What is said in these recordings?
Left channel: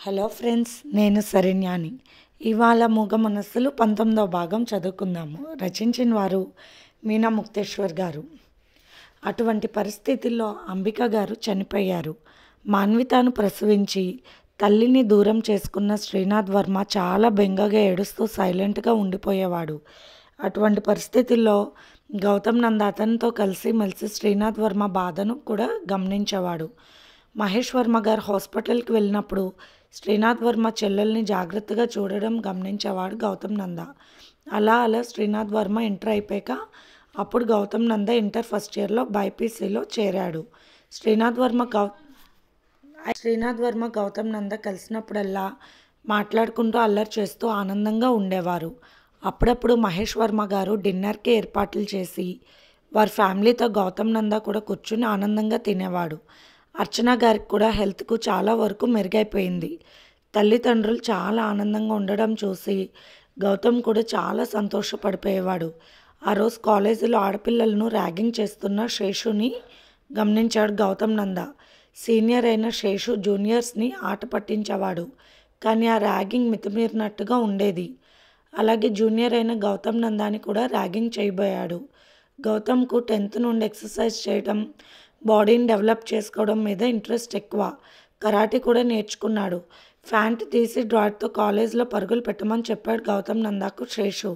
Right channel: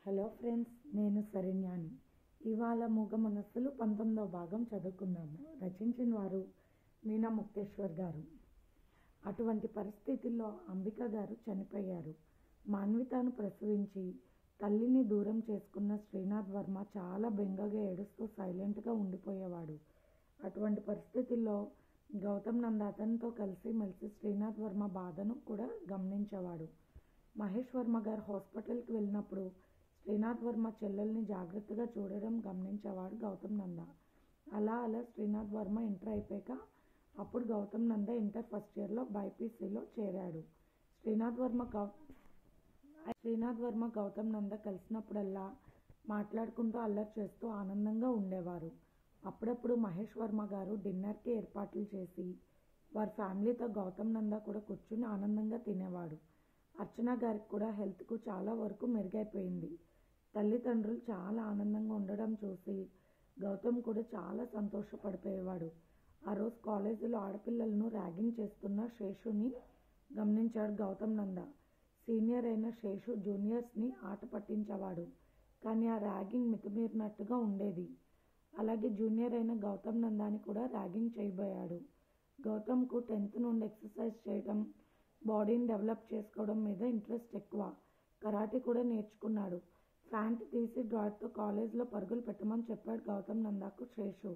Hello friends, నేను శరణ్యాని. ఇవాళ మూగ మనస్సులు 19వ భాగం చదువుకుందాము. రచించిన వారు మీనా ముక్తేశ్వర్ గారు. అటువంటి పరిస్థితుల్లో అంబిక గారు చనిపోయారు. మాన్వితాను ప్రసవించి తల్లిని దూరం చేసుకున్న శ్రీనాథ్ వర్మ చాలా బెంగగా ఏడుస్తూ సైలెంట్గా ఉండిపోయేవాడు. అటువంటి పరిస్థితుల్లో గౌతమ్ నంద అతనితో కలిసి మెలిసి శ్రీనాథ్ వర్మ బాధను కూడా గమనించేవాడు. మహేష్ వర్మ గారు హాస్పిటల్కి వెళ్ళినప్పుడు శ్రీనాథ్ వర్మ చెల్లెల్ని జాగ్రత్తగా చూడడం గమనించేవాడు గౌతమ్ నంద. అలా అలా శ్రీనాథ్ వర్మ ఇంటర్ అయిపోయాక అప్పుడు గౌతమ్ నంద ఇంటర్ ఫస్ట్ ఇయర్లో బైపీసీలో చేరాడు. శ్రీనాథ్ వర్మ గౌతమ్ నంద కలిసినప్పుడల్లా మాట్లాడుకుంటూ అల్లరి చేస్తూ ఆనందంగా ఉండేవారు. అప్పుడప్పుడు మహేష్ వర్మ గారు డిన్నర్కి ఏర్పాట్లు చేసి వారి ఫ్యామిలీతో గౌతమ్ నంద కూడా కూర్చుని ఆనందంగా తినేవాడు. అర్చన గారికి కూడా హెల్త్కు చాలా వరకు మెరుగైపోయింది. తల్లిదండ్రులు చాలా ఆనందంగా ఉండడం చూసి గౌతమ్ కూడా చాలా సంతోషపడిపోయేవాడు. ఆ రోజు కాలేజీలో ఆడపిల్లలను ర్యాగింగ్ చేస్తున్న శేషుని గమనించాడు గౌతమ్ నంద. సీనియర్ అయిన శేషు జూనియర్స్ని ఆట పట్టించేవాడు, కానీ ఆ ర్యాగింగ్ మితిమీరినట్టుగా ఉండేది. అలాగే జూనియర్ అయిన గౌతమ్ నందాని కూడా ర్యాగింగ్ చేయబోయాడు. గౌతమ్కు 10th నుండి ఎక్సర్సైజ్ చేయడం, బాడీని డెవలప్ చేసుకోవడం మీద ఇంట్రెస్ట్ ఎక్కువ. కరాటే కూడా నేర్చుకున్నాడు. ప్యాంట్ తీసి డ్రాట్తో కాలేజీలో పరుగులు పెట్టమని చెప్పాడు గౌతమ్ నందాకు శేషు.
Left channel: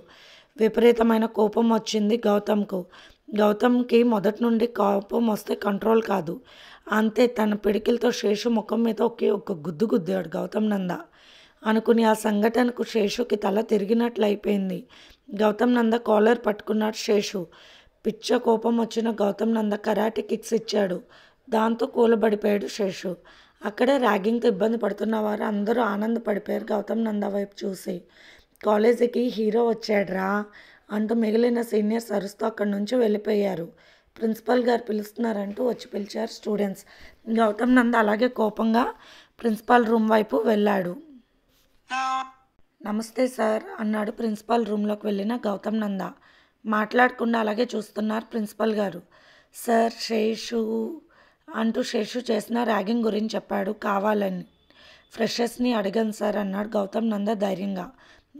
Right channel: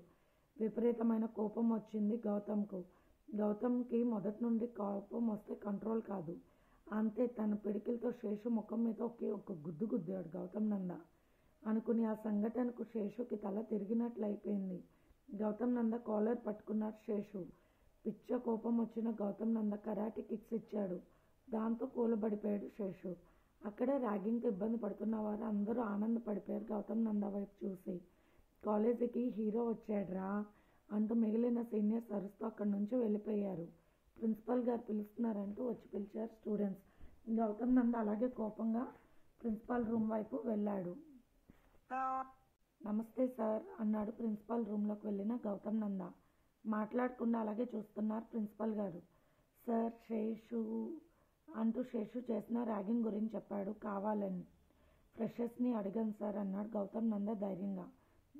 విపరీతమైన కోపం వచ్చింది గౌతమ్కు. గౌతమ్కి మొదటి నుండి కోపం వస్తే కంట్రోల్ కాదు. అంతే, తన పిడికిలతో శేషు ముఖం మీద ఒకే ఒక్క గుద్దు గుద్దాడు గౌతమ్ నంద. అనుకుని ఆ సంఘటనకు శేషుకి తల తిరిగినట్లు అయిపోయింది. గౌతమ్ నంద కాలర్ పట్టుకున్నాడు శేషు. పిచ్చ కోపం వచ్చిన గౌతమ్ నంద కరాటే కిక్స్ ఇచ్చాడు. దాంతో కూలబడిపోయాడు శేషు. అక్కడే ర్యాగింగ్తో ఇబ్బంది పడుతున్న వారు అందరూ ఆనందపడిపోయారు గౌతమ్ నంద వైపు చూసి. కాలేజీకి హీరో వచ్చాడ్రా అంటూ మిగిలిన సీనియర్స్ అరుస్తూ అక్కడి నుంచి వెళ్ళిపోయారు. ప్రిన్సిపల్ గారు పిలుస్తున్నారంటూ వచ్చి పిలిచారు స్టూడెంట్స్. గౌతమ్ నంద అలాగే కోపంగా ప్రిన్సిపాల్ రూమ్ వైపు వెళ్ళాడు. నమస్తే సార్ అన్నాడు ప్రిన్సిపాల్ రూమ్లోకి వెళ్ళిన గౌతమ్ నంద. మాట్లాడకుండా అలాగే చూస్తున్నారు ప్రిన్సిపల్ గారు. సార్, శేషు అంటూ శేషు చేసిన ర్యాగింగ్ గురించి చెప్పాడు కావాలని. ఫ్రెషర్స్ని అడగను సార్ అన్నాడు గౌతమ్ నంద ధైర్యంగా.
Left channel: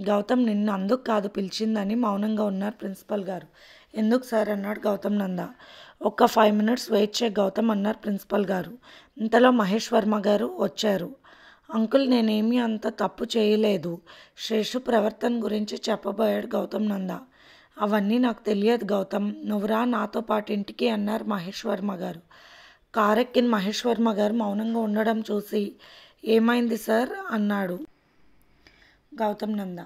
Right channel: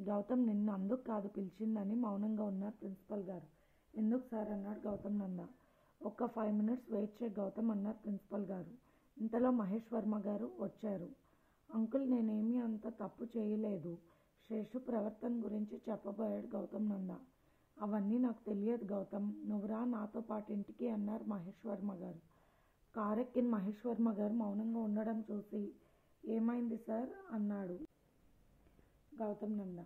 గౌతమ్ నిన్ను అందుకు కాదు పిలిచిందని మౌనంగా ఉన్నారు ప్రిన్సిపల్ గారు. ఎందుకు సార్ అన్నాడు గౌతమ్ నంద. ఒక్క 5 minutes వెయిట్ చేయ గౌతమ్ అన్నారు ప్రిన్సిపల్ గారు. ఇంతలో మహేష్ వర్మ గారు వచ్చారు. అంకుల్, నేనేమీ అంత తప్పు చేయలేదు, శేషు ప్రవర్తన గురించి చెప్పబోయాడు గౌతమ్ నంద. అవన్నీ నాకు తెలియదు గౌతమ్, నువ్వురా నాతో పాటు ఇంటికి అన్నారు మహేష్ వర్మ గారు. కారెక్కిన మహేష్ వర్మ గారు మౌనంగా ఉండడం చూసి ఏమైంది సార్ అన్నాడు గౌతమ్ నంద.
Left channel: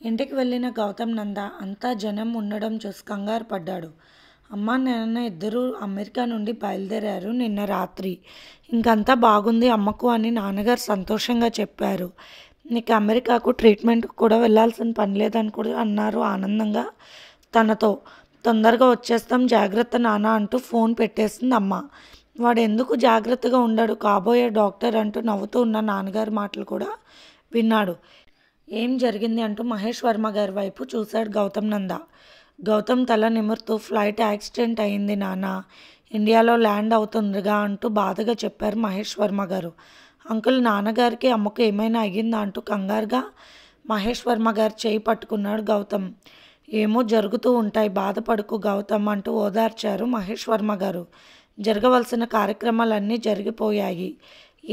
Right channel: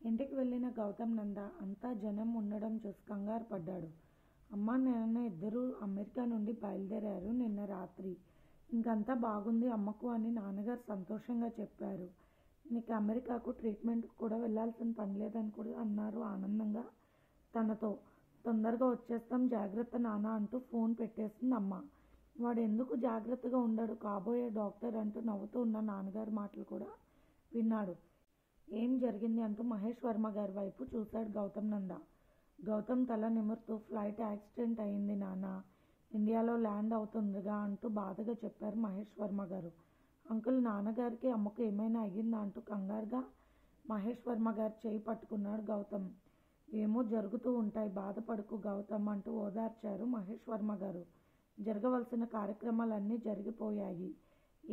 ఇంటికి వెళ్ళిన గౌతమ్ నంద అంతా జనం ఉండడం చూసి కంగారు పడ్డాడు. అమ్మ నాన్న ఇద్దరూ అమెరికా నుండి బయలుదేరారు నిన్న రాత్రి. ఇంకంతా బాగుంది అమ్మకు అని నాన్నగారు సంతోషంగా చెప్పారు. నీకు అమెరికాకు ట్రీట్మెంట్కి కూడా వెళ్ళాల్సిన పని లేదని కూడా అన్నారు ఆనందంగా తనతో. తొందరగా వచ్చేస్తాం, జాగ్రత్త నాన్న అంటూ ఫోన్ పెట్టేసింది అమ్మ. వాడు ఎందుకు జాగ్రత్తగా ఉండడు, కాబోయే డాక్టర్ అంటూ నవ్వుతూ ఉన్న నాన్నగారి మాటలు కూడా విన్నాడు. ఏం జరిగింది అంటూ మహేష్ వర్మ గారి వైపు చూశాడు గౌతమ్ నంద. గౌతమ్ తల నిమురుతూ ఫ్లైట్ యాక్సిడెంట్ అయింది నాన్న, ఇండియాలో ల్యాండ్ అవుతుందిగా అంటూ బాధగా చెప్పారు మహేష్ వర్మ గారు. అంకుల్, నాన్నగారికి అమ్మకు ఏమైనా అయ్యిందా అంటూ కంగారుగా మహేష్ వర్మ గారు చేయి పట్టుకున్నాడు గౌతమ్. ఏమో జరుగుతూ ఉంటాయి, బాధపడుకు గౌతమ్ అంటూ ఓదార్చారు మహేష్ వర్మ గారు. జరగవలసిన కార్యక్రమాలన్నీ జరిగిపోయాయి,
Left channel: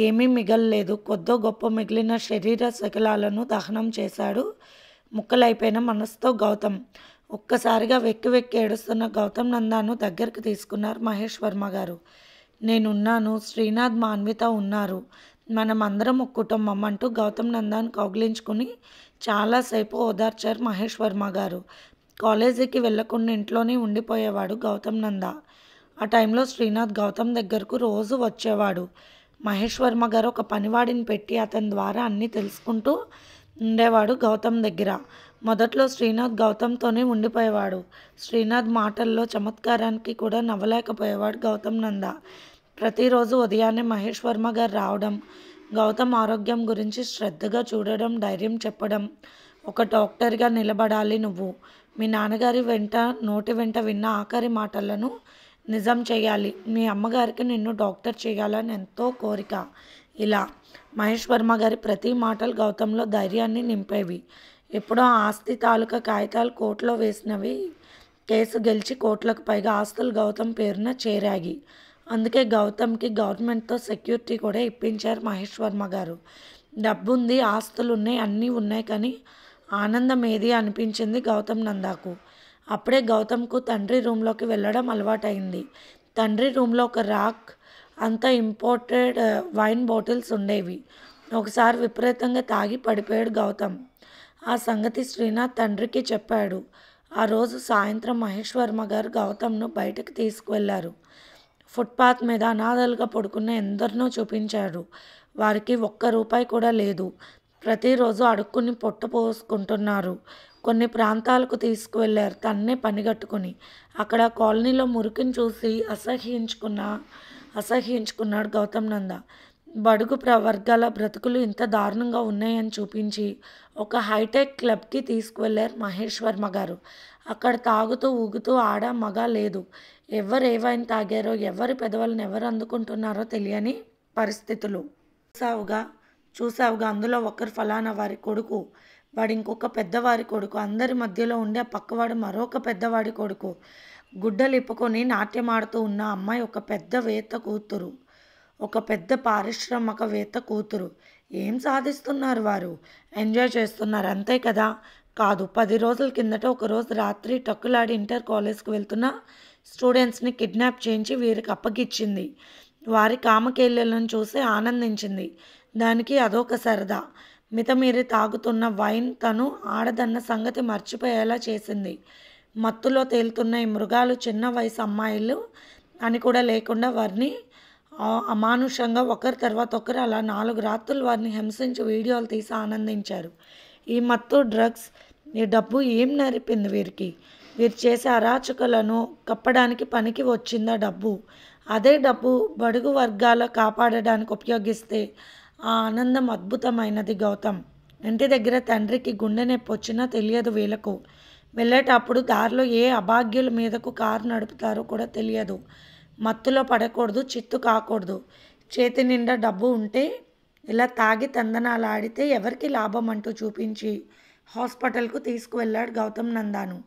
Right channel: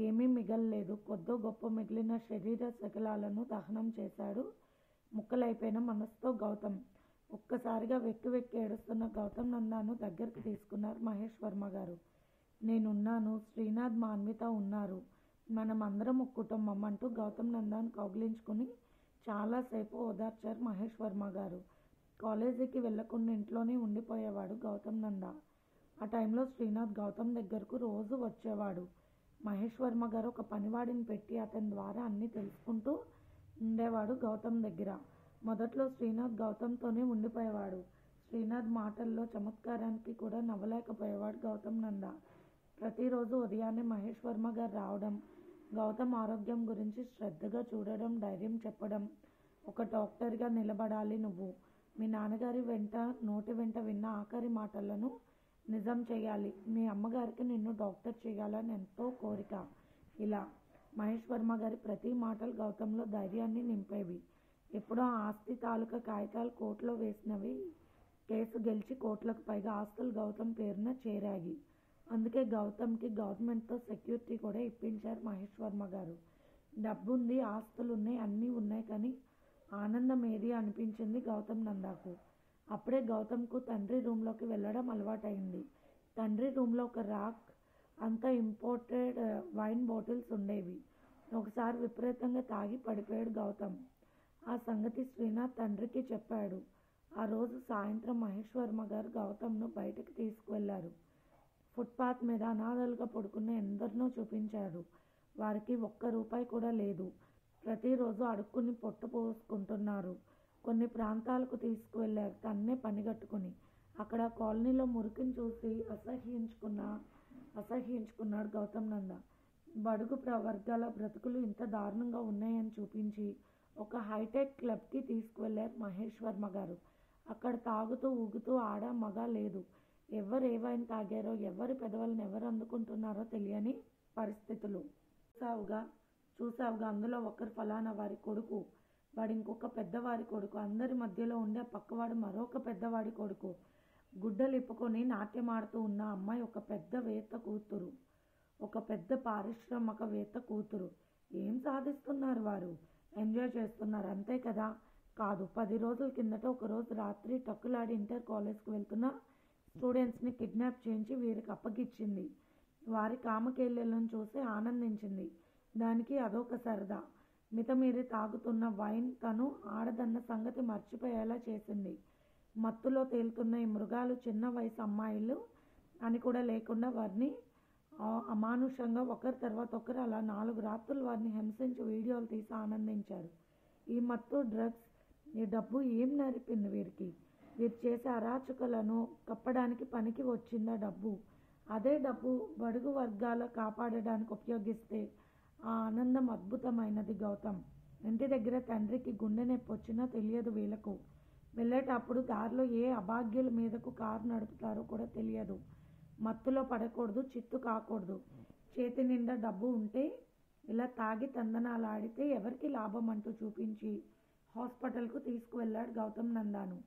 ఏమీ మిగలలేదు. కొద్దో గొప్ప మిగిలిన శరీర శకలాలను దహనం చేశాడు ముక్కలైపోయిన మనసుతో గౌతమ్. ఒక్కసారిగా వెక్కి వెక్కి ఏడుస్తున్న గౌతమ్ నందాను దగ్గరికి తీసుకున్నారు మహేష్ వర్మ గారు. నేనున్నాను, శ్రీనాథ్, మాన్విత ఉన్నారు, మనం అందరం ఒక కుటుంబం అంటూ గౌతమ్ నందాను కౌగిలించుకుని చాలాసేపు ఓదార్చారు మహేష్ వర్మ గారు. కాలేజీకి వెళ్లకుండా ఇంట్లోనే ఉండిపోయేవాడు గౌతమ్ నంద. ఆ టైంలో శ్రీనాథ్ గౌతమ్ దగ్గరకు రోజు వచ్చేవాడు. మహేష్ వర్మ గారు ఒక పనివాడిని పెట్టి అతని ద్వారా అన్నీ తెలుసుకుంటూ ఉండేవాడు గౌతమ్ దగ్గర. మొదట్లో శ్రీనాథ్ గౌతమ్తోనే ఉండిపోయేవాడు. శ్రీనాథ్ మాటల్లో చమత్కారానికి కూడా నవ్వలేకపోయేవాడు గౌతమ్ నంద. ప్రతిరోజు ఉదయాన్నే మహేష్ వర్మ గారు రావడం, గౌతమ్ ఆరోగ్యం గురించి శ్రద్ధగా చూడడం, ధైర్యం చెప్పడం. ఒక డాక్టర్గా నిలబడాలి నువ్వు, మీ నాన్నగారి నోటి వెంట విన్న ఆఖరి మాటలను నిజం చేయాలి, మీ అమ్మగారికి నిన్ను డాక్టర్ చేయాలని ఎంతో కోరిక. ఇలా మహేష్ వర్మ గారి ప్రతి మాటలు గౌతమ్‌లో ధైర్యాన్ని నింపేవి. ఎప్పుడో ఆస్తి తాలూకా కాగితాలు కోర్టులో వేసినవి కేసు గెలిచి కోట్లకు పైగా ఆస్తులు గౌతమ్ పేరున చేరాయి. అందుకే గౌతమ్‌కి గవర్నమెంట్‌తో సెక్యూరిటీ కూడా ఇప్పించారు మహేష్ వర్మ గారు. డబ్బుంది, ఆస్తులున్నాయి, అన్నీ ఉన్నాయి కానీ ఆనందం ఏది అనిపించింది గౌతమ్ నందాకు. అప్పుడే గౌతమ్‌కు తండ్రి రూమ్‌లోకి వెళ్ళడం అలవాటైంది. తండ్రి రూమ్‌లో ఒక రాక్ అంతా ఇంపోర్టెడ్ వైన్ బాటిల్స్ ఉండేవి. ఒకసారి విపరీతంగా తాగి పడిపోయాడు గౌతమ్. ఆ సంగతి శ్రీనాథ్ తండ్రికి చెప్పాడు. ఆ రోజు సాయంత్రం మహేష్ వర్మ గారు గౌతమ్‌ను బయటకు తీసుకువెళ్లారు. ఫుట్పాత్ మీద అనాథలుగా పడుకున్న ఎందరినో చూపించాడు. వారికి ఒక్క రూపాయి కూడా లేదు. ప్రతిరోజు అడుక్కుని పొట్ట పోసుకుంటున్నారు. కొన్ని ప్రాంతాలకు తీసుకువెళ్లారు తన్నే పనిగట్టుకుని. అక్కడ కాలనీలో మురికిని చూసి అసహ్యించుకున్నాడు గౌతమ్ నంద. బడుగు వర్గాల బ్రతుకులు ఇంత దారుణంగా ఉన్నాయని చూపించి ఒక హైటెక్ క్లబ్కి తీసుకువెళ్లారు మహేష్ వర్మ గారు. అక్కడ తాగుతూ ఊగుతూ ఆడ మగ లేదు. ఎవరు ఏ వైన్ తాగారో, ఎవరి పెదవులను ఎవరు అందుకుంటున్నారో తెలియని పరిస్థితులు. చూసావుగా చూసావుగా అందులో ఒకరు ఫలానా వారి కొడుకు, వాడు ఇంకొక పెద్దవారి కొడుకు, అందరి మధ్యలో ఉండే పక్కవాడు మరొక పెద్దవాడి కొడుకు. గుడ్డలు ఇప్పుకొని నాట్యమాడుతూ ఉన్న అమ్మాయి ఒక పెద్ద పారిశ్రామికవేత్త కూతురు. ఏం సాధిస్తున్నారు వారు? ఎంజాయ్ చేస్తున్నారు అంతే కదా? కాదు. 10 రోజుల కిందట ఒకరోజు రాత్రి టక్కులాడి ఇంటర్ కాలేజ్కి వెళ్తున్న స్టూడెంట్స్ని కిడ్నాప్ చేయించి వీరికి అప్పగిచ్చింది. వారి కామకేళ్లను చూసి ఆనందించింది. దానికి అదొక సరదా. మితమీరి తాగుతున్న వైన్ తను ఆడదన్న సంగతి మర్చిపోయేలా చేసింది. మత్తులో తేలుతున్న ఈ మృగాలు చిన్న వయసు అమ్మాయిలు అని కూడా లేకుండా వారిని అమానుషంగా ఒకరి తర్వాత ఒకరు అలా 4 రాత్రులు వారిని హింసించి వీడియోలు తీసి ఆనందించారు. ఈ మత్తు, డ్రగ్స్, ఈ డబ్బు ఏం నేర్పింది వీరికి? వీరు చేసే అరాచకాలను కప్పడానికి పనికి వచ్చిందా డబ్బు? అదే డబ్బు బడుగు వర్గాల కాపాడడానికి ఉపయోగిస్తే ఆ ఆనందం అద్భుతమైనది. గౌతమ్ ఇంటి దగ్గర తండ్రికి గుండె నొప్పి వచ్చినా తెలియదు వీళ్ళకు. వెళ్ళేటప్పుడు దారిలో ఏ అభాగ్యుల మీదకు కారు నడుపుతారో కూడా తెలియదు. మత్తులో పడకూడదు, చిత్తు కాకూడదు. చేతి నిండా డబ్బు ఉంటే ఇలా తాగి తందనాలు ఆడితే ఎవరికి లాభం అంటూ చూపించి హాస్పిటల్కు తీసుకువెళ్ళాడు గౌతమ్ నందాను.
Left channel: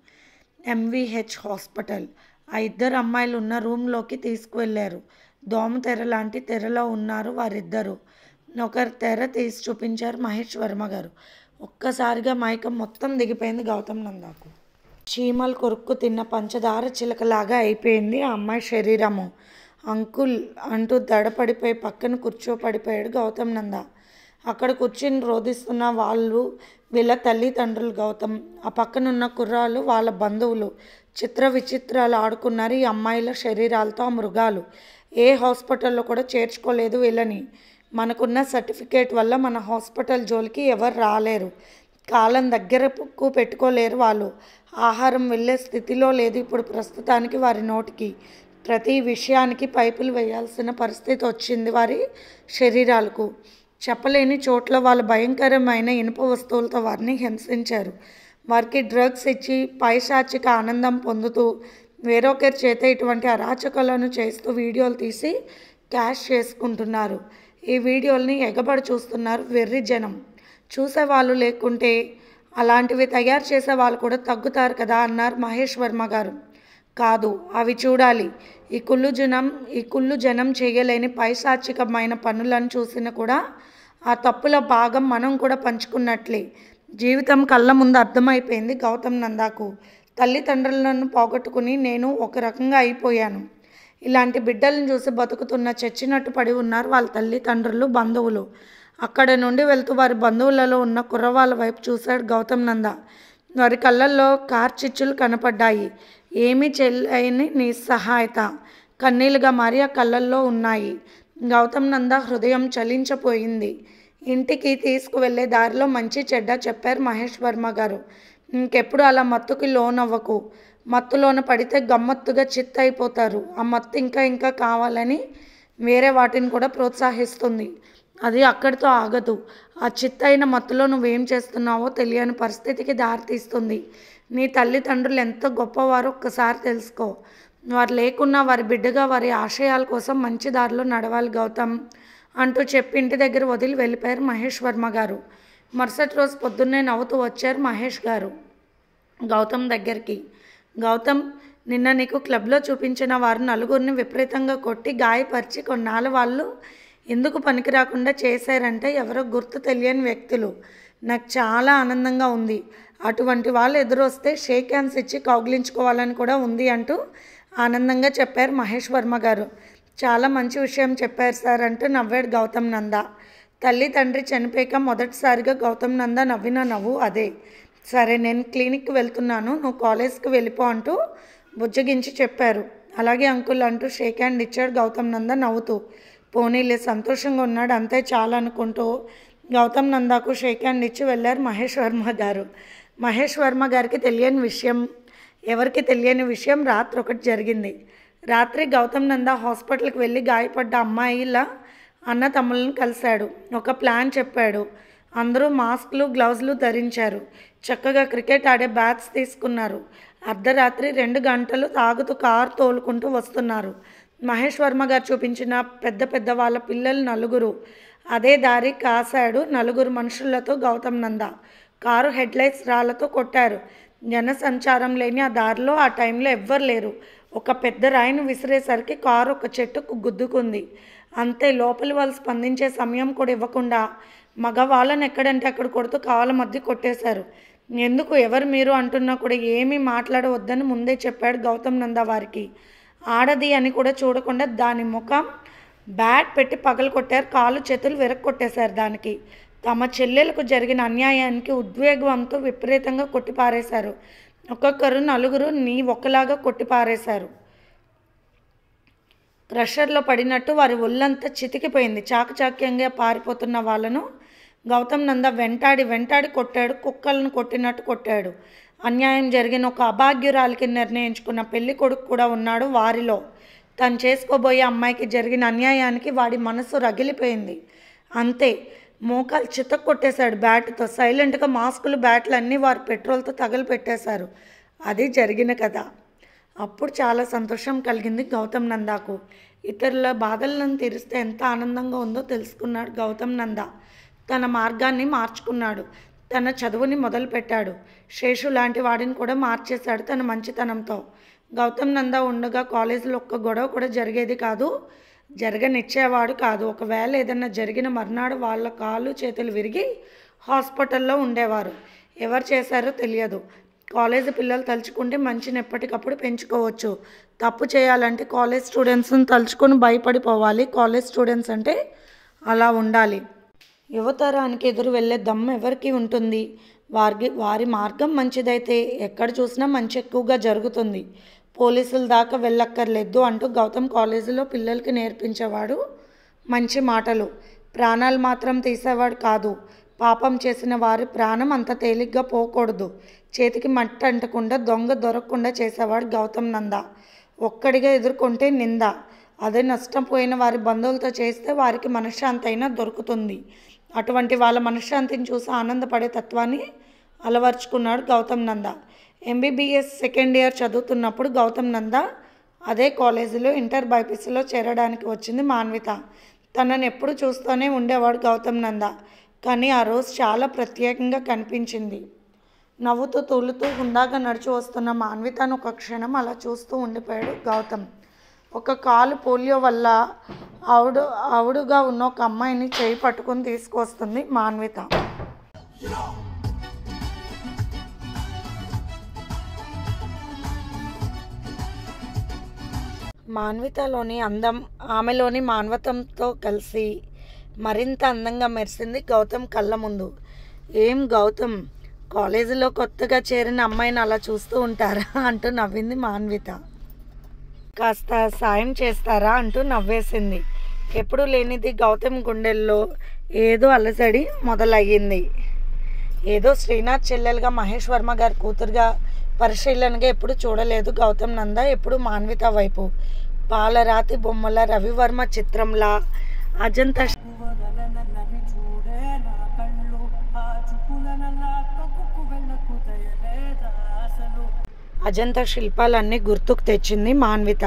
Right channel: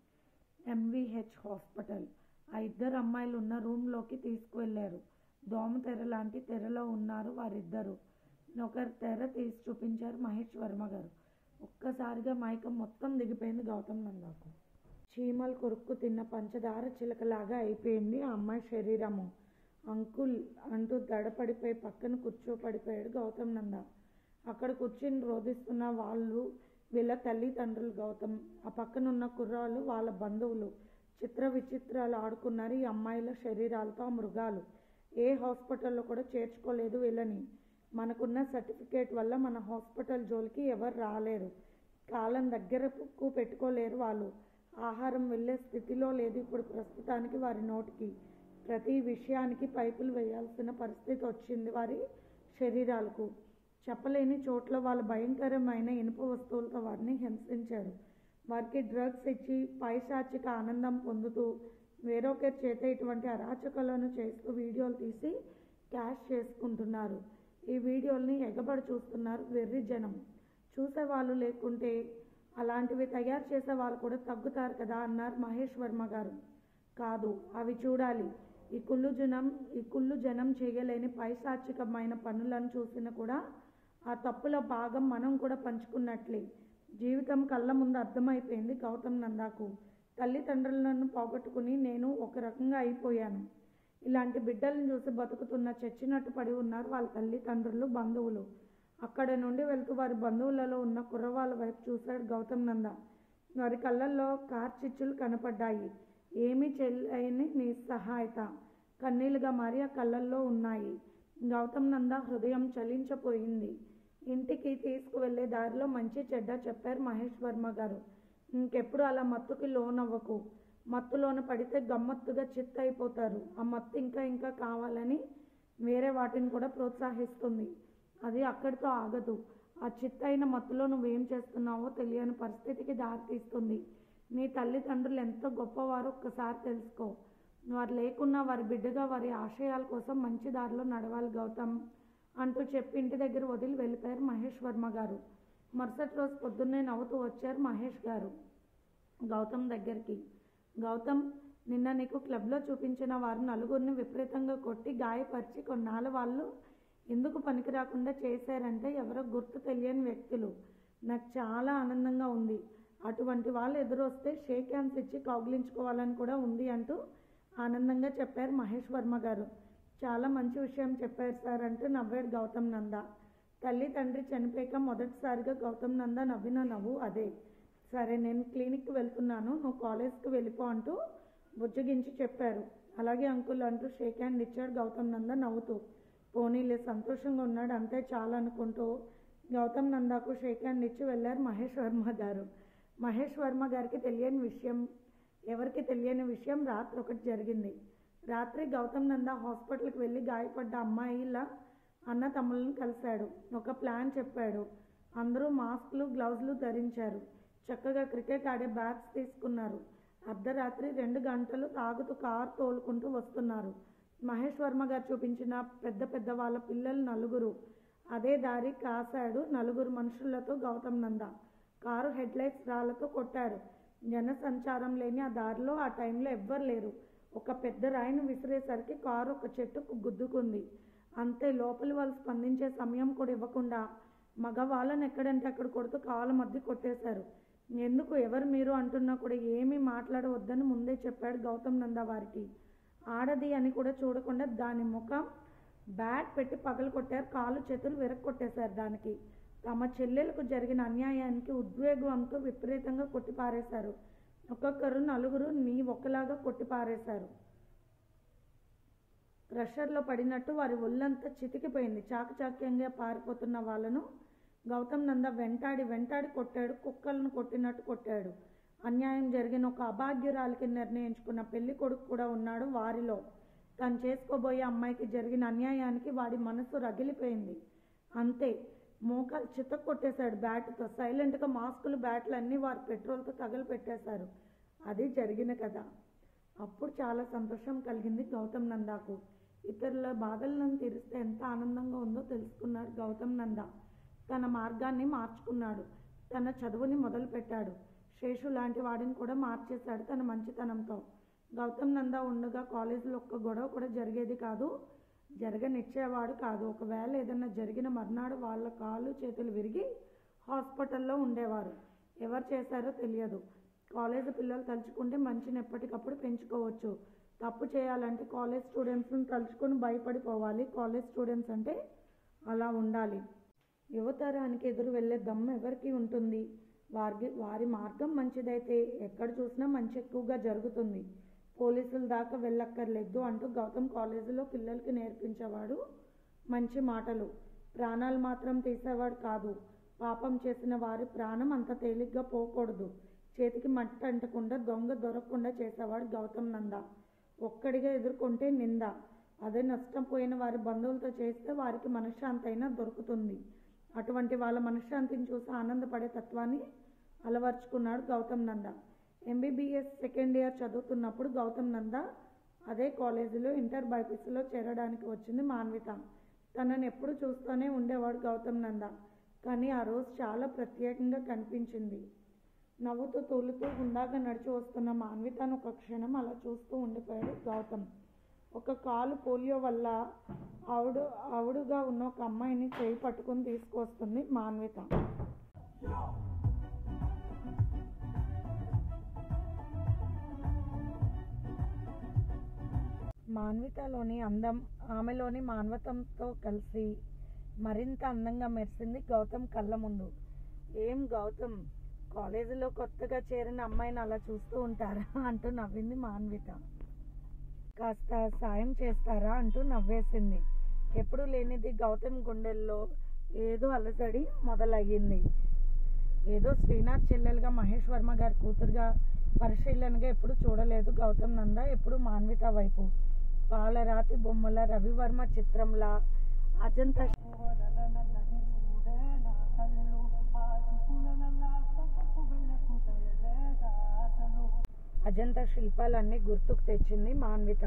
ఎంవిహెచ్ హాస్పిటల్. ఆ 2 అమ్మాయిలు ఉన్న రూమ్లోకి తీసుకువెళ్ళారు. దోమ తెర లాంటి తెరలో ఉన్నారు వారిద్దరూ. ఒకరి తెర తీసి చూపించారు మహేష్ వర్మ గారు. ఒక్కసారిగా మైకం మొత్తం దిగిపోయింది గౌతమ్ నందాకు. చీమలు కొరుక్కు తిన్న పంచదార చిలకలాగా అయిపోయింది ఆ అమ్మాయి శరీరము. అంకుల్ అంటూ దడపడిపోయి పక్కన కూర్చోపడిపోయాడు గౌతమ్ నంద. అక్కడ కూర్చుని రోధిస్తున్న వాళ్ళు వీళ్ళ తల్లిదండ్రులు. గౌతమ్ ఆ పక్కనున్న కుర్రాళ్ళు వాళ్ళ బంధువులు. చిత్ర విచిత్రాలు ఆడుకున్నారు ఈ అమ్మాయిల శరీరాలతో ఆ మృగాలు. ఏ హాస్పిటల్లో కూడా చేర్చుకోలేదు వీళ్ళని. మనకున్న సర్టిఫికేట్ వల్ల మన హాస్పిటల్ జోలికి ఎవరు రాలేరు. కాలం దగ్గరకు పెట్టుకోలేరు వాళ్ళు. ఆహారం వెళ్ళే స్థితిలో లేదు ఇప్పుడు ప్రస్తుతానికి వారి నోటికి. ప్రతి విషయానికి పైపులు వేయాల్సిన పరిస్థితి వచ్చింది వారి శరీరాలకు. చెప్పలేని చోట్ల వాళ్ళ భయంకరమైన ఇనుప వస్తువులతో వారిని హింసించారు. వారికి డ్రగ్స్ ఇచ్చి పైశాచిక ఆనందం పొందుతూ వేరొకరి చేత ఇటువంటి అరాచకాలను చేస్తూ వీడియోలు తీసి క్యాష్ చేసుకుంటున్నారు. ఈ వీడియోల్ని ఎగబడి చూస్తున్నారు వెర్రి జనం. చూసేవాళ్ళు లేకుంటే అలాంటివి తయారు చేసే వాళ్ళు కూడా తగ్గుతారు కదా అన్నారు మహేష్ వర్మ గారు. కాదు, అవి చూడాలి. ఈ కుళ్ళు జనం చేయలేని పైశాచికమైన పనులను చూసిన కూడా ఆ తప్పుల భాగం మనం కూడా పంచుకున్నట్లే. జీవితం కళ్ళ ముందు అర్థమైపోయింది గౌతమ్ నందాకు. తల్లిదండ్రులను పోగొట్టుకుని నేను ఒక రకంగా అయిపోయాను. ఇలాంటి బిడ్డలను చూసి బతుకుతున్న చచ్చినట్టు పడి ఉన్నారు వాళ్ళ తల్లిదండ్రులు, బంధువులు. అక్కడ నుండి వెళ్తూ వారి బంధువులలో ఉన్న కుర్రవాళ్ళ వైపు చూశాడు గౌతమ్ నంద. వారి కళ్ళల్లో కార్చిచ్చులు కనపడ్డాయి. ఏమీ చెల్లని నిస్సహాయత కన్నీళ్లుగా మారి ఆ కళ్ళల్లో ఉన్నాయి. గౌతమ్ నంద హృదయం చలించిపోయింది. ఇంటికి తీసుకువెళ్ళే దారిలో మంచి చెడ్డ చెప్పారు మహేష్ వర్మ గారు. ఇంకెప్పుడు అలా మత్తుకి లోనవ్వకు. మత్తులోన పడితే గమ్మత్తుగా చిత్తయిపోతారు. ఆ మత్తు ఇంకా ఇంకా కావాలని వేరే వాటిని కూడా ప్రోత్సహిస్తుంది. అది అక్కడితో ఆగదు. ఆ చిత్తయిన మత్తులో నువ్వేం చేస్తున్నావో తెలియని పరిస్థితికి దారితీస్తుంది. నీ తల్లిదండ్రులు ఎంత గొప్పవారో ఒక్కసారి తెలుసుకో. వారు లేకున్నా వారి బిడ్డగా వారి ఆశయాల కోసం మంచి దారిలో నడవాలి గౌతమ్ అంటూ చెప్పి ఇంటి దగ్గర వదిలి వెళ్ళిపోయారు మహేష్ వర్మ గారు. మరుసటి రోజు పొద్దున్నే నవ్వుతూ వచ్చారు మహేష్ గారు గౌతమ్ దగ్గరికి. గౌతమ్, నిన్న నీకు క్లబ్లో చూపించిన వారు నలుగురిని విపరీతంగా కొట్టి గాయపరిచి కొన్నాళ్ళు వాళ్ళు ఎందుకు పనికి రాకుండా చేశారంటే ఎవరో గుర్తు తెలియని వ్యక్తులు. నాకు చాలా ఆనందంగా ఉంది. అటువంటి వాళ్ళు ఎదురొస్తే షేక్ హ్యాండ్స్ ఇచ్చి కౌగిలించుకోవాలని కూడా ఉంది అంటూ ఆనందంగా చెప్పారు మహేష్ వర్మ గారు. చాలా మంచి విషయం చెప్పారు సార్ అంటూ నవ్వాడు గౌతమ్ నంద. తల్లి తండ్రి చనిపోయాక మొదటిసారిగా గౌతమ్ నంద నవ్విన నవ్వు అదే. సరే, నేను క్లినిక్కి వెళ్తున్నాను, నువ్వు కాలేజ్కి వెళ్ళిపో అంటూ బుజ్జగించి చెప్పారు. అలాగే అంకుల్ అంటూ షేక్ హ్యాండ్ ఇచ్చాడు గౌతమ్ నంద నవ్వుతూ. పోనీలే, సంతోషంగా ఉన్నాడు, అంతే చాలు అనుకుంటూ గౌతమ్ నందాకు షేక్ హ్యాండ్ ఇచ్చి వెళ్ళారు మహేష్ వర్మ గారు. మహేష్ వర్మ గారికి ఎవరికి తెలియని విషయం రాత్రి ఒకటి జరిగింది. రాత్రి గౌతమ్ నంద హాస్పిటల్కి వెళ్ళి గాయపడ్డ అమ్మాయిల అన్న తమ్ముళ్ళని కలిశాడు. ఒక ప్లాన్ చెప్పాడు. అందరూ మాస్క్లు గ్లౌజులు ధరించారు. చక్కగా క్రికెట్ ఆడే బ్యాట్స్ తీసుకున్నారు. అర్ధరాత్రి 2 గంటలు తాగుతూ కారు తోలుకుంటూ వస్తున్నారు. మహేష్ వర్మ గారు చూపించిన పెద్ద వాళ్ళ పిల్లలు 4 అదే దారి కాశాడు. 4 మనుషులతో గౌతమ్ నంద కారు హెడ్లైట్స్ రాళ్లతో కొట్టారు. జనసంచారం లేని ఆ దారిలో ఆ టైంలో ఎవ్వరు లేరు. ఒక పెద్ద రాయిని విసిరేసరికి కారు ఒక చెట్టుకు గుద్దుకుంది. అంతే, లోపలి వాళ్ళు స్పందించే సమయం కూడా ఇవ్వకుండా మగవాళ్ళని ఎక్కడంటే అక్కడ కొడుతూ కాళ్ళ మధ్య కొట్టేశారు. ఎందుకు, ఎవరు మీరు అంటున్నా కూడా ఏమీ మాట్లాడవద్దని ముందే చెప్పాడు గౌతమ్ నంద వారికి. ఆడది అని కూడా చూడకుండా దాని ముఖం బ్యాట్ పెట్టి పగలు కొట్టారు. కాళ్ళు చేతులు విరక్కొట్టేశారు. దానికి తమ చెల్లెలకు జరిగిన అన్యాయానికి ఉద్వేగంతో విపరీతంగా కొట్టిపారేశారు. ఒక్కొక్కరు 4 ఒకలాగా కొట్టిపారేశారు. క్రషర్లో పడినట్టు వారి ఒళ్ళంతా చితికిపోయింది. చాకచాక్యంగా పారిపోతున్న వాళ్ళను గౌతమ్ నంద వెంటాడి కొట్టాడు. కుక్కలను కొట్టినట్టు కొట్టాడు. అన్యాయం జరిగిన ఒక అభాగ్యురాలికి నిర్ణయించుకున్న పెళ్లి కొడుకు కూడా ఉన్నాడు వారిలో. తను చేసుకోబోయే అమ్మాయికి జరిగిన అన్యాయానికి వాడి మనసు రగిలిపోయింది. అంతే, మోకాలు చితక్ కొట్టేశాడు బ్యాట్తో. సైలెంట్గా మాస్కులు బ్యాట్లు అన్నీ వారు పెట్రోల్తో తగలపెట్టేశారు. అది జరిగిన కథ. అప్పుడు చాలా సంతోషం కలిగింది గౌతమ్ నందాకు. ఇతరుల బాధలను తీరిస్తే ఎంత ఆనందంగా ఉందో తెలుసుకున్నాడు గౌతమ్ నంద. తన మార్గాన్ని మార్చుకున్నాడు. తన చదువుని మొదలుపెట్టాడు. శేషు లాంటి వాడిని కూడా మార్చేశాడు తన మంచితనంతో. గౌతమ్ నంద ఉండగా కాలేజీలో ఒక్క గొడవ కూడా జరిగేది కాదు, జరగనిచ్చేవాడు కాదు. ఒకవేళ ఏదన్నా జరిగిన మర్నాడు వాళ్ళ కాళ్ళు చేతులు విరిగి హాస్పిటల్లో ఉండేవారు. ఎవరు చేశారో తెలియదు. కాలేజీ పిల్లలు తలుచుకుంటే మంచిని ఎప్పటికప్పుడు పెంచుకోవచ్చు. తప్పు చేయాలంటే కాలేజ్ స్టూడెంట్స్ని తలుచుకొని భయపడిపోవాలి. కాలేజ్ స్టూడెంట్స్ అంటే అలా ఉండాలి. యువతరానికి ఎదురు వెళ్ళే దమ్ము ఎవరికి ఉంటుంది? వారి మార్గం మంచిదైతే ఎక్కడ చూసినా మంచి ఎక్కువగా జరుగుతుంది. పోలీసుల దాకా వెళ్ళక్కర్లేదు అంటూ గౌతమ్ కాలేజీలో పిల్లలకి నేర్పించేవాడు మంచి మాటలు. ప్రాణాలు మాత్రం తీసేవాడు కాదు. పాపం చేసిన వారి ప్రాణం అంత తేలిగ్గా పోకూడదు. చేతికి మట్టి అంటకుండా దొంగ దొరకకుండా చేసేవాడు గౌతమ్ నంద. ఒక్కడిగా ఎదుర్కొంటే నింద. అదే నష్టపోయిన వారి బంధువులతో చేస్తే వారికి మనశ్శాంతి అయినా దొరుకుతుంది. అటువంటి వాళ్ళ మనశ్శాంతిని చూసి ఆనందపడే తత్వాన్ని అలవర్చుకున్నాడు గౌతమ్ నంద. ఎంబీబీఎస్ సెకండ్ ఇయర్ చదువుతున్నప్పుడు గౌతమ్ నంద అదే కాలేజీలో ఇంటర్ బైపీసీలో చేరడానికి వచ్చింది మాన్విత. తనని ఎప్పుడు చూస్తూనే ఉండేవాడు గౌతమ్ నంద. కానీ ఆ రోజు చాలా ప్రత్యేకంగా కనిపించింది. నవ్వుతూ తూలుతూ హుందాగా నడిచి వస్తున్న మాన్వితను ఒక క్షణం అలా చూస్తూ ఉండిపోయాడు గౌతమ్. ఒక కాలు పోలియో వల్ల ఆవుడుగా ఉన్న ఒక అమ్మాయిని చేయి పట్టుకుని తీసుకొస్తుంది మాన్విత. మాన్వితలోని అందం ఆమెలోని మానవతంతో కలిసి మరింత అందంగా మెరిసింది గౌతమ్ కళ్ళ ముందు. ఏం గౌతమ్, కాలేజీలో కొత్తగా చేరిన అమ్మాయిని అలా చూస్తూ ఉంటారా అంటూ నవ్వింది మాన్విత. కాస్త సాయం చేస్తారా అంటూ నవ్వేసింది. ఎప్పుడూ లేనిది గౌతమ్ గుండెల్లో ఏదో అలసడి మొదలయ్యింది. ఏదో శ్రీనాథ్ చెల్లెలుగా మహేష్ వర్మ గారి కూతురుగా పరిశీలనగా ఎప్పుడు చూడలేదు గౌతమ్ నంద. ఎప్పుడు మాన్విత వైపు పాలరాతి బొమ్మల రవివర్మ చిత్రంలా అజంతా అజంతా శిల్పాలన్నీ గుర్తుకు తెచ్చింది Manvitha.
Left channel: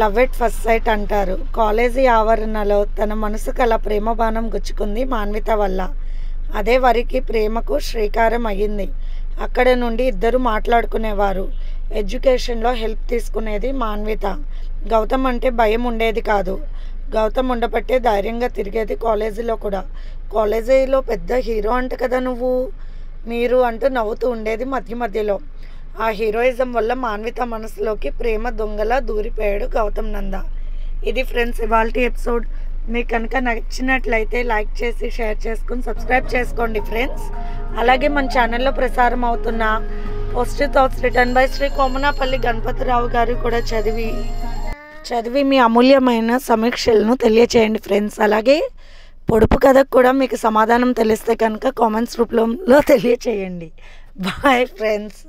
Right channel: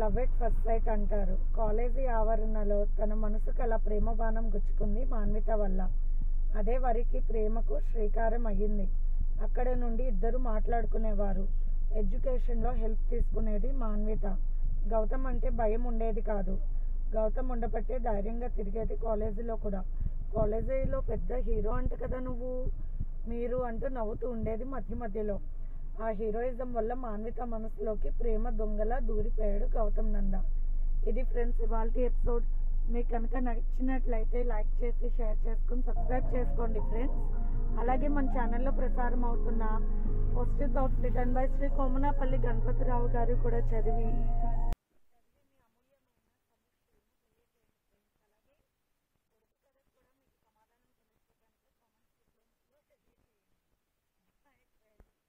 Love at first sight అంటారు. కాలేజీ ఆవరణలో తన మనసుకు అలా ప్రేమ బాణం గుచ్చుకుంది మాన్విత వల్ల. అదే వారికి ప్రేమకు శ్రీకారం అయ్యింది. అక్కడ నుండి ఇద్దరు మాట్లాడుకునేవారు. ఎడ్యుకేషన్లో హెల్ప్ తీసుకునేది మాన్విత. గౌతమ్ అంటే భయం ఉండేది కాదు. గౌతమ్ ఉండబట్టే ధైర్యంగా తిరిగేది కాలేజీలో కూడా. కాలేజీలో పెద్ద హీరో అంట కదా నువ్వు, మీరు అంటూ నవ్వుతూ ఉండేది మధ్య మధ్యలో. ఆ హీరోయిజం వల్ల మాన్విత మనసులోకి ప్రేమ దొంగలా దూరిపోయాడు గౌతమ్ నంద. ఇది ఫ్రెండ్స్ ఇవాల్టి ఎపిసోడ్. మీకు కనుక నచ్చినట్లయితే లైక్ చేసి షేర్ చేసుకుని సబ్స్క్రైబ్ చేసుకోండి ఫ్రెండ్స్. అలాగే మన ఛానల్లో ప్రసారం అవుతున్న positive thoughts written by Shri Komanapalli Ganapatirao గారు కూడా చదివి మీ అమూల్యమైన సమీక్షలను తెలియచేయండి ఫ్రెండ్స్. అలాగే పొడుపు కథకు కూడా మీకు సమాధానం తెలిస్తే కనుక కామెంట్స్ రూపంలో తెలియచేయండి. Bye friends.